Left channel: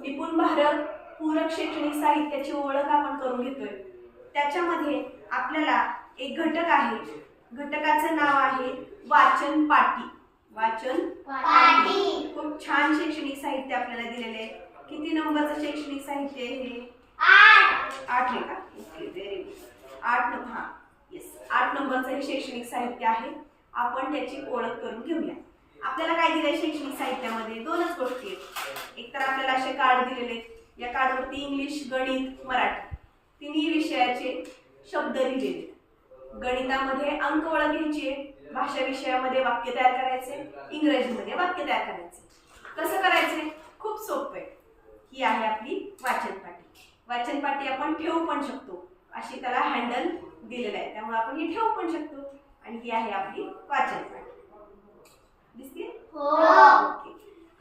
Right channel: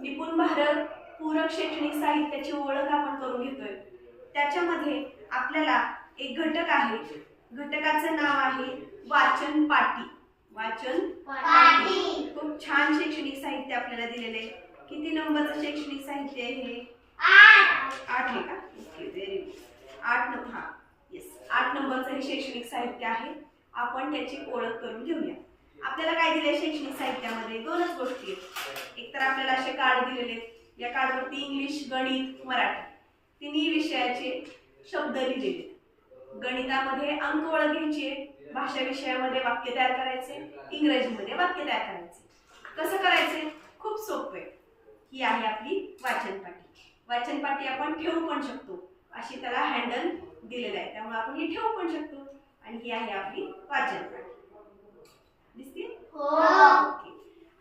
निपुण भारत पूरक शैक्षणिक साहित्याची ओळख आपण करून घेतोय. त्याच्यामध्ये आपल्याला एक घटक आहे. घटकाचं नाव आहे वाचन पाटी. वाचन पाटी. खूप छान शैक्षणिक साहित्य आपल्याला दिलेलं आहे. किती नंबरचं शैक्षणिक साहित्य आहे हे? आठ. आहे का? ओके व्हेरी गुड आठ नंबर हा. येस आठ नंबरचं हे शैक्षणिक साहित्य आहे. आपण त्याची ओळख करून घेऊया. आपल्याला काय दिलंय शैक्षणिक साहित्यामध्ये? दोनच गोष्टी आहेत. एक तर आपल्याला असे कार्ड दिलेले आहेत. या कार्डवरती इंग्लिश गणित मराठी. तिन्ही विषयाचे शब्द लिहिलेले आहेत. गणितामध्ये अंक ओळख भाषा विषयामध्ये वाक्य तयार करायचे इंग्रजीमध्ये वाक्य तयार करायचे कसं करायचे खूप सोपं आहे. ही आहे आपली वाचन पाटी वाचन पाटी आपण ठेवू पण शकतो. अशी त्याला हँडल दिलेलं आहे. त्यामुळे आपण ही ठेवू पण शकतो. आणि ही आहे आपली वाचन पाटी हो.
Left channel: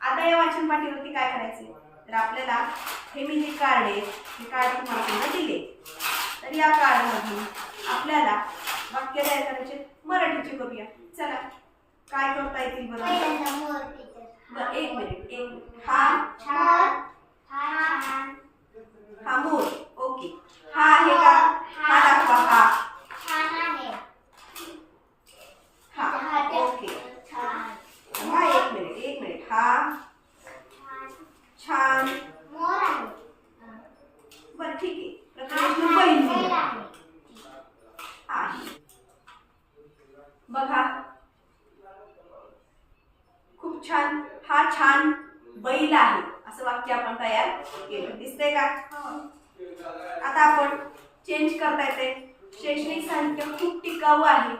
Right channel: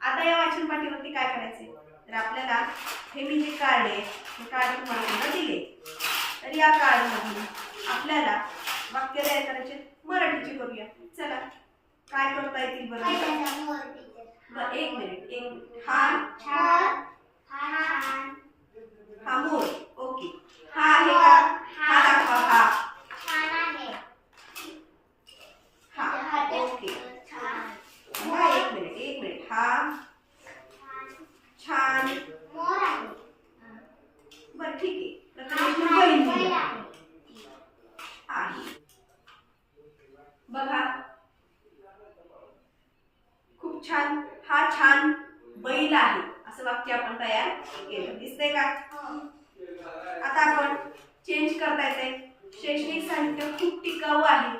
आता या वाचन पाटीवरती काय करायचे तर आपल्याला हे मी जे कार्ड आहे हे कार्ड तुम्हाला समजा दिले तर या कार्डमधून आपल्याला वाक्य तयार करायचे मराठीचे करूया. चला काय करता येतील. बरं? एक मिनिट एक हा छान. मोर आहे. बरं ठीक आहे. आहे. आहे. बघा. खूप छान. हा छान बैल आहे. असं वाक्य आपण तयार केलं. दिसतंय का? हो. आता आपण चेंज करता येते शैक्षणिक साहित्य खूप टिकाऊ आहे.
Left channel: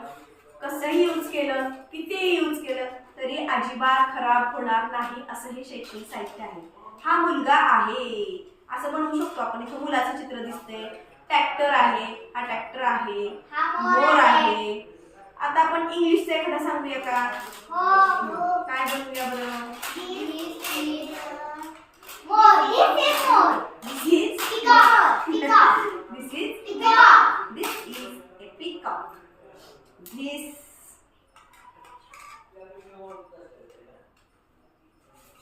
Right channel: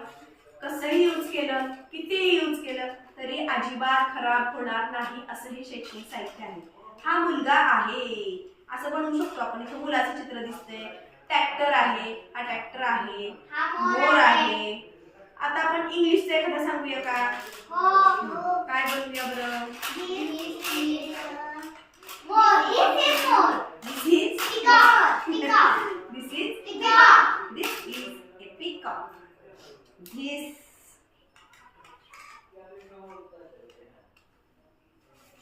कसंही यूज केलं कितीही यूज केलं तरी अजिबात खराब होणार नाही असं हे शैक्षणिक साहित्य आहे. हा मुलगा आहे. असं बनवू शकतो आपण. इथं मुलाचं चित्र दिसतंय. ट्रॅक्टर आहे. हा ट्रॅक्टर आहे. मोर आहे. आता आपण इंग्लिशचं एखादा सांगूया का? हो काय बनवूया बरं? This is. Peacock. This is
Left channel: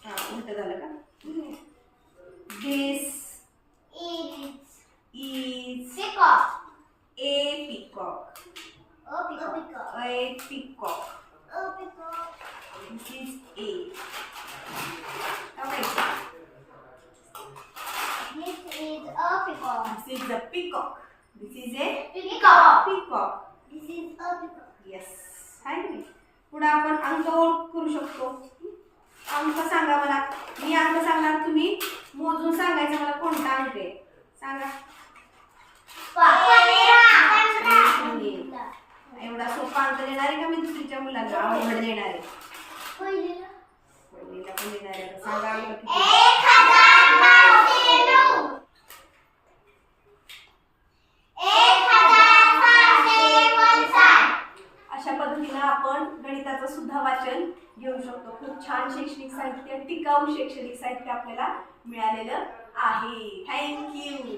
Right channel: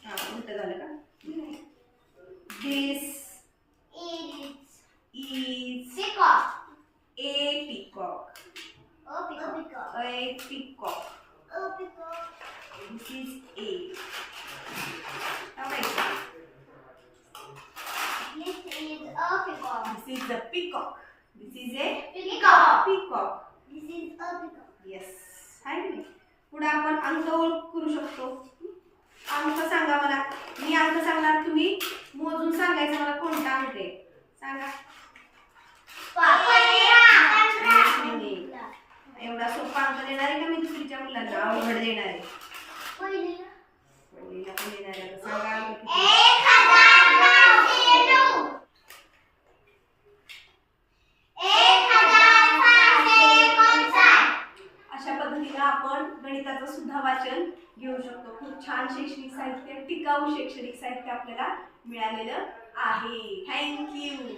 हा उलट झालं का? This Is is peacock. a peacock. Oh peacock. A peacock. Oh peacock. This is a. Alright. This is a peacock. This is a peacock. This is a Peacock. peacock. This is a peacock. Yes आहे की नाही पुढे आपण अंक ओळख करू शकतो दुसरीच्या मुलांना अवघड देणार आहे. पहिलीला. पण देणार सांगा किती? आपण गणिताचं सुद्धा वाचन घेऊ शकतो. खूप छान शैक्षणिक साहित्य टिकाऊ शैक्षणिक साहित्य आपल्याला मिळालेलं आहे. थँक्यू